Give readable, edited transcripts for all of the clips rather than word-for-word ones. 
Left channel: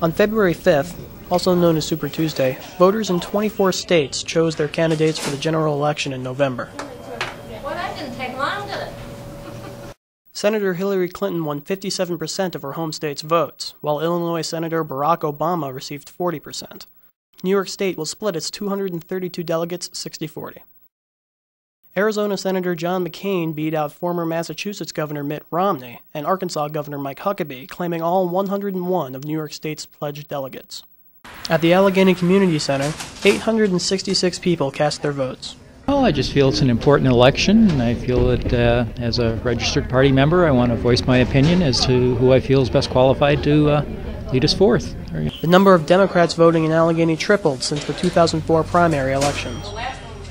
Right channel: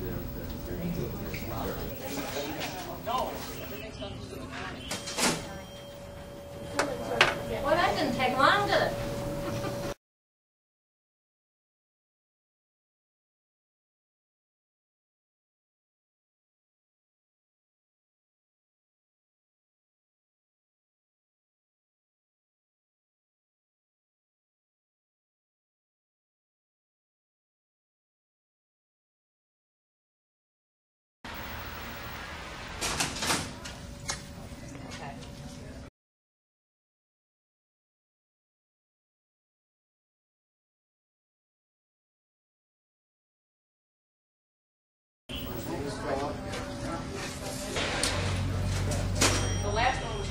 On February 5th, also known as Super Tuesday, voters in 24 states chose their candidates for the general election in November. Well, that didn't take long, did it? Senator Hillary Clinton won 57% of her home state's votes, while Illinois Senator Barack Obama received 40%. New York State will split its 232 delegates 60-40. Arizona Senator John McCain beat out former Massachusetts Governor Mitt Romney and Arkansas Governor Mike Huckabee, claiming all 101 of New York State's pledged delegates. At the Allegheny Community Center, 866 people cast their votes. Well, I just feel it's an important election, and I feel that as a registered party member, I want to voice my opinion as to who I feel is best qualified to lead us forth. The number of Democrats voting in Allegheny tripled since the 2004 primary elections.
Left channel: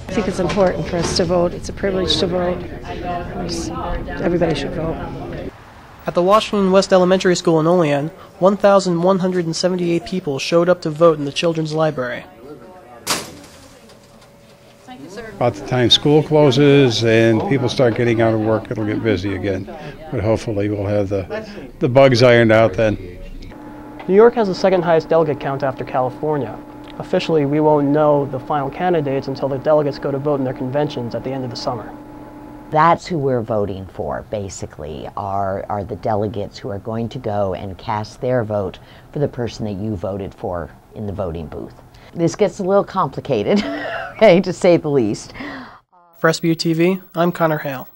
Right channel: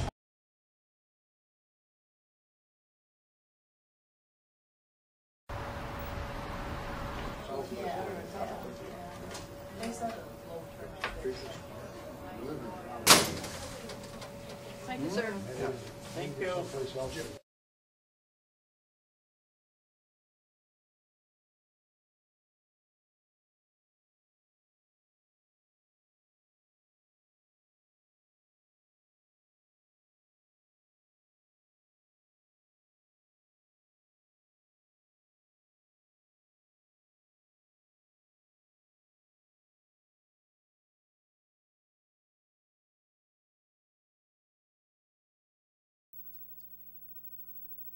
I think it's important for us to vote. It's a privilege to vote. Everybody should vote. At the Washington West Elementary School in Olean, 1,178 people showed up to vote in the Children's Library. About the time school closes and people start getting out of work, it'll get busy again. But hopefully we'll have the bugs ironed out then. New York has the second highest delegate count after California. Officially, we won't know the final candidates until the delegates go to vote in their conventions at the end of the summer. That's who we're voting for, basically, are the delegates who are going to go and cast their vote for the person that you voted for in the voting booth. This gets a little complicated, okay, to say the least. For SBU TV, I'm Connor Hale.